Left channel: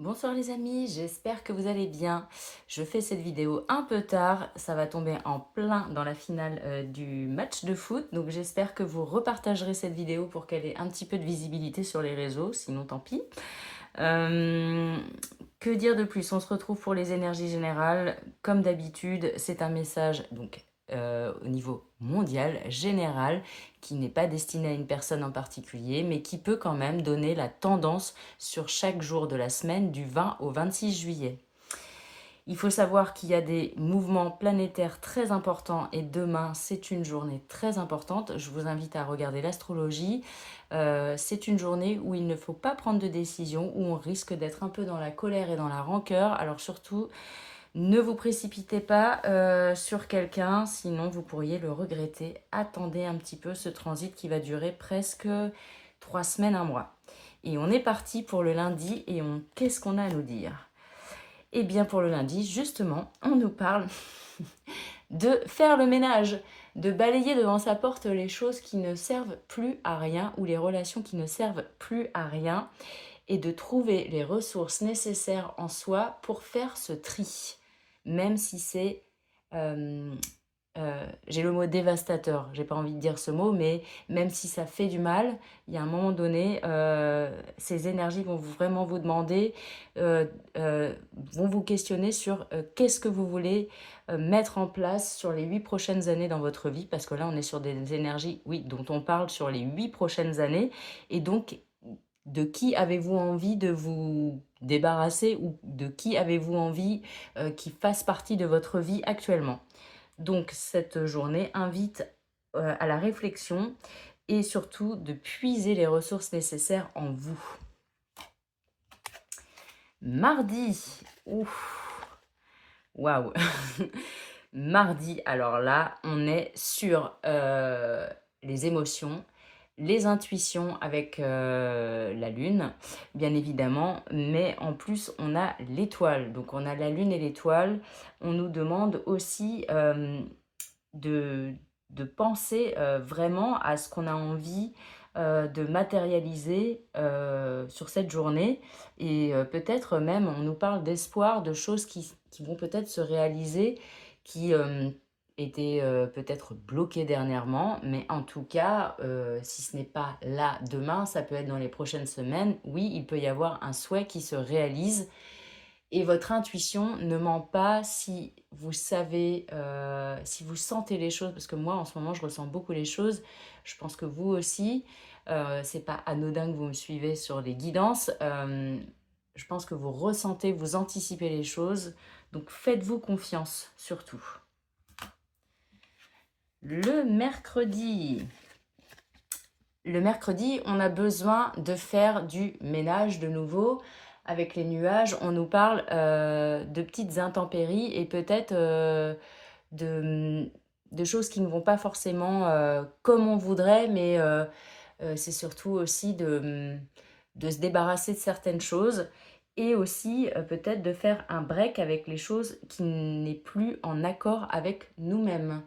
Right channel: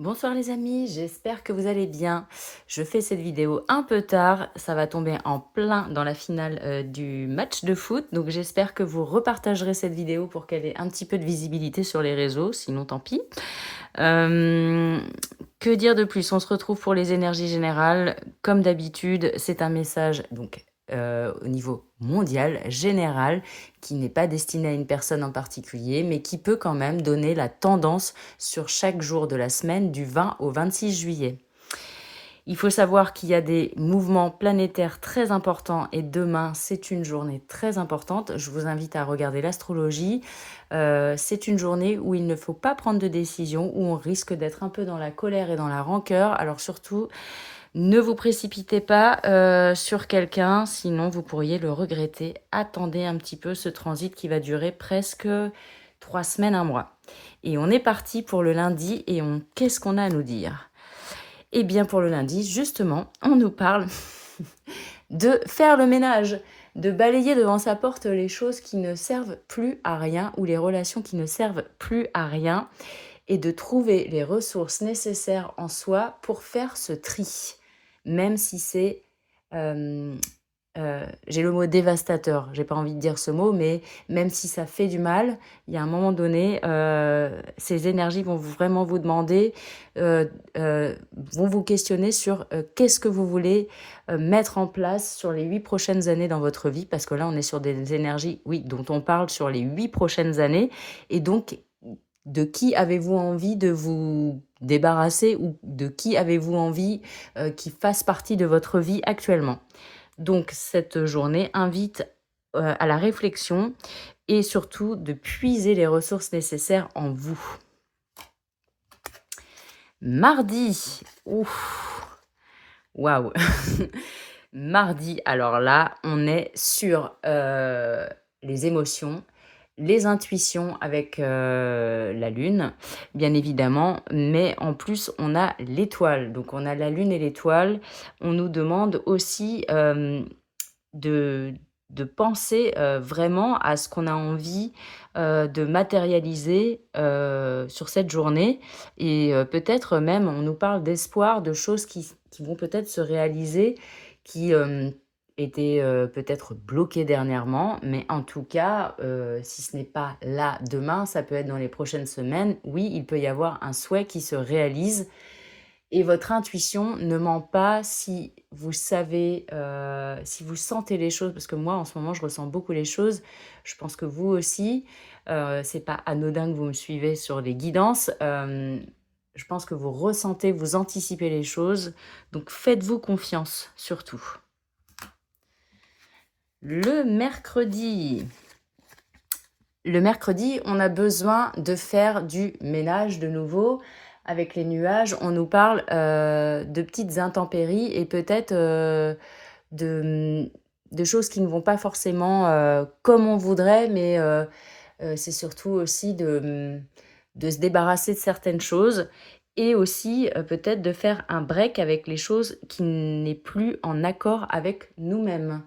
Bonsoir les amis, j'espère que vous allez bien. Je fais cette vidéo un peu tard, ça va tomber en plein dans la finale du match de foot, donc j'espère que vous repartagerez cette vidéo pour qu'elle ait un petit peu de visibilité sur les réseaux, sinon tant pis. Euh, que dire de plus? On se retrouve pour les énergies générales. Comme d'habitude, c'est un message donc au niveau mondial, général, qui n'est pas destiné à une personne en particulier, mais qui peut quand même donner la tendance sur chaque jour de la semaine du 20 au 26 juillet. Il faut savoir qu'il y a des mouvements planétaires très importants et demain, c'est une journée très importante. Je vous invite à regarder l'astrologie. C'est une journée où il ne faut pas prendre de décision, où on risque d'être un peu dans la colère et dans la rancœur. Alors surtout, ne vous précipitez pas sur quelqu'un, sinon vous pourriez le regretter. Attendez un petit peu ce transit qui va durer presque 3 semaines, un mois. Et on est parti pour le lundi et qu'est-ce qu'on a à nous dire? Eh bien, pour le lundi, justement, on nous parle de faire le ménage, de balayer devant sa porte les choses qui ne servent plus à rien ou les relations qui ne servent plus à rien et de trouver les ressources nécessaires en soi pour faire ce tri, même si c'est j'ai le mot dévastateur, j'ai pas envie de dire ce mot, mais même si ça fait du mal, il y a un moment donné, ces énergies vont vraiment vous demander, euh, vont vous questionner sur qu'est-ce que vous voulez mettre en place sur les 8 prochaines années dans votre vie, parce que là, on est sur des énergies, oui, dont on parle sur les 8 prochaines années, et donc, de qui avez-vous envie de vous débarrasser ou de qui avez-vous envie qui fasse partie de votre vie actuellement? Donc cette journée invite à la réflexion et surtout de puiser les ressources nécessaires en vous. Mardi, ouf, waouh. Mardi, alors là, on est sur les émotions, les intuitions avec la lune, bien évidemment, mais en plus, on a l'étoile. Donc, on a la lune et l'étoile. On nous demande aussi de, de penser vraiment à ce qu'on a envie de matérialiser sur cette journée. Et peut-être même, on nous parle d'espoir, de choses qui vont peut-être se réaliser, qui étaient peut-être bloquées dernièrement. Mais en tout cas, si ce n'est pas là demain, ça peut être dans les prochaines semaines. Oui, il peut y avoir un souhait qui se réalise et votre intuition ne ment pas si vous savez, si vous sentez les choses, parce que moi, en ce moment, je ressens beaucoup les choses. Je pense que vous aussi, c'est pas anodin que vous me suivez sur les guidances. Je pense que vous ressentez, vous anticipez les choses. Donc, faites-vous confiance, surtout. Le mercredi. Le mercredi, on a besoin de faire du ménage de nouveau. Avec les nuages, on nous parle de petites intempéries et peut-être de, de choses qui ne vont pas forcément comme on voudrait, mais c'est surtout aussi de se débarrasser de certaines choses et aussi peut-être de faire un break avec les choses qui n'est plus en accord avec nous-mêmes.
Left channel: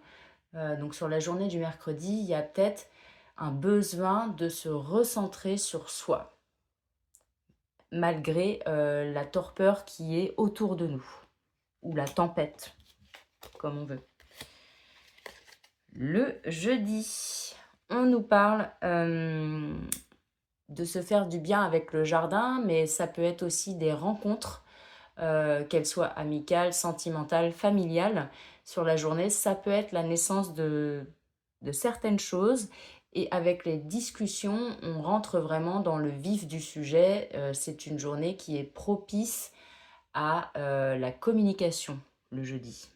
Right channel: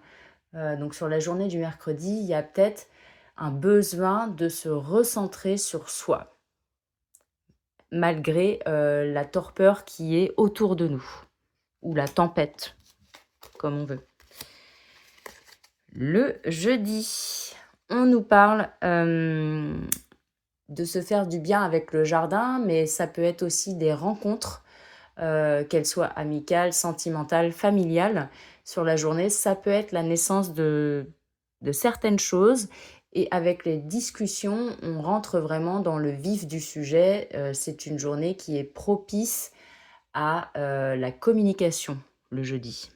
Donc sur la journée du mercredi, il y a peut-être un besoin de se recentrer sur soi, malgré la torpeur qui est autour de nous, ou la tempête, comme on veut. Le jeudi, on nous parle de se faire du bien avec le jardin, mais ça peut être aussi des rencontres, qu'elles soient amicales, sentimentales, familiales, sur la journée. Ça peut être la naissance de certaines choses. Et avec les discussions, on rentre vraiment dans le vif du sujet. C'est une journée qui est propice à la communication, le jeudi.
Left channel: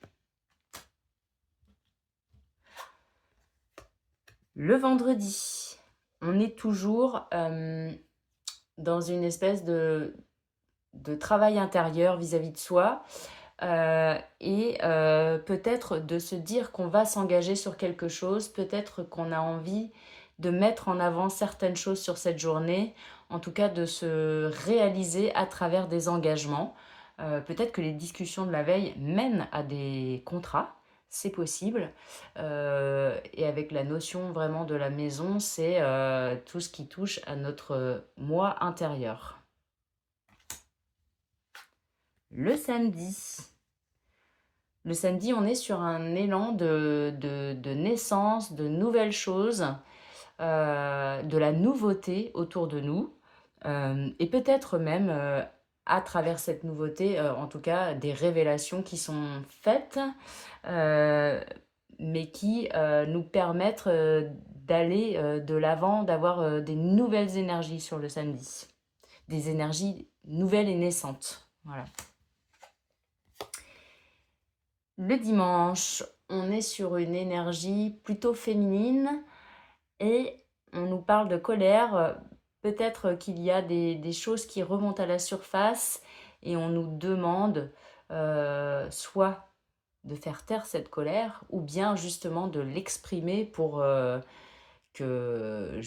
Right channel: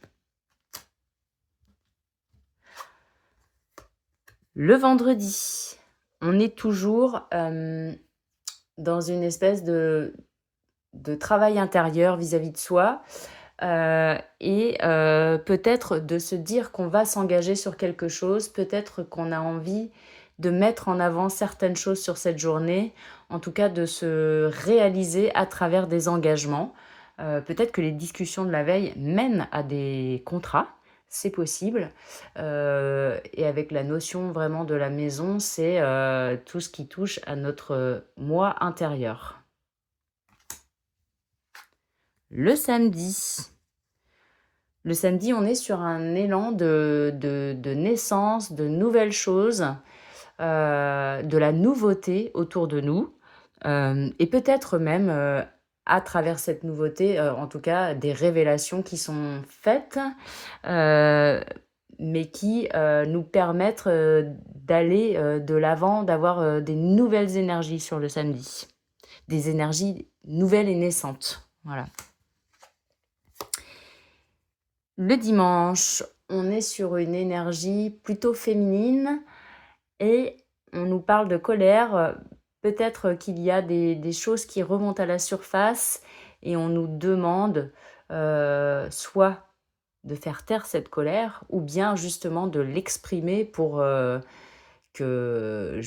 Le vendredi, on est toujours dans une espèce de travail intérieur vis-à-vis de soi et peut-être de se dire qu'on va s'engager sur quelque chose, peut-être qu'on a envie de mettre en avant certaines choses sur cette journée, en tout cas de se réaliser à travers des engagements. Peut-être que les discussions de la veille mènent à des contrats, c'est possible. Et avec la notion vraiment de la maison, c'est tout ce qui touche à notre moi intérieur. Le samedi. Le samedi, on est sur un élan de naissance, de nouvelles choses, de la nouveauté autour de nous, et peut-être même, à travers cette nouveauté, en tout cas des révélations qui sont faites, heu, mais qui, nous permettent, d'aller, de l'avant, d'avoir, des nouvelles énergies sur le samedi. Des énergies nouvelles et naissantes, voilà. Le dimanche, on est sur une énergie plutôt féminine et on nous parle de colère. Peut-être qu'il y a des choses qui remontent à la surface et on nous demande soit de faire taire cette colère ou bien justement de l'exprimer pour que,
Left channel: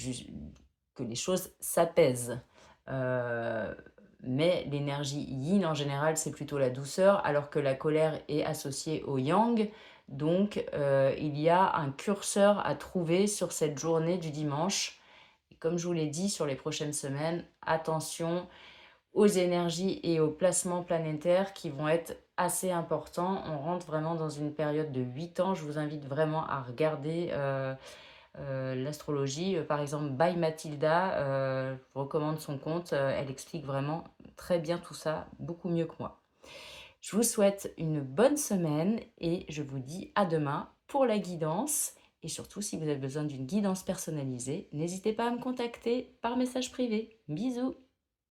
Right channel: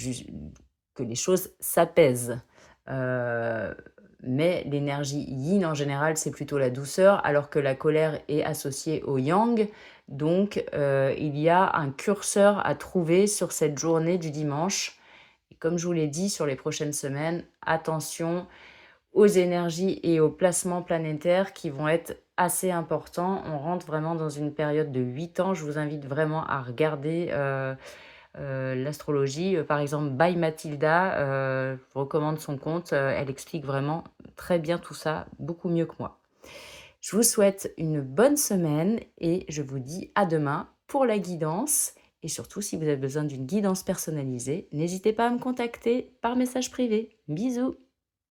que les choses s'apaisent. Euh, mais l'énergie yin en général, c'est plutôt la douceur, alors que la colère est associée au yang. Donc, il y a un curseur à trouver sur cette journée du dimanche. Et comme je vous l'ai dit, sur les prochaines semaines, attention aux énergies et aux placements planétaires qui vont être assez importants. On rentre vraiment dans une période de 8 ans. Je vous invite vraiment à regarder l'astrologie. Par exemple, By Mathilda, je vous recommande son compte. Elle explique vraiment très bien tout ça, beaucoup mieux que moi. Je vous souhaite une bonne semaine et je vous dis à demain pour la guidance. Et surtout, si vous avez besoin d'une guidance personnalisée, n'hésitez pas à me contacter par message privé. Bisous!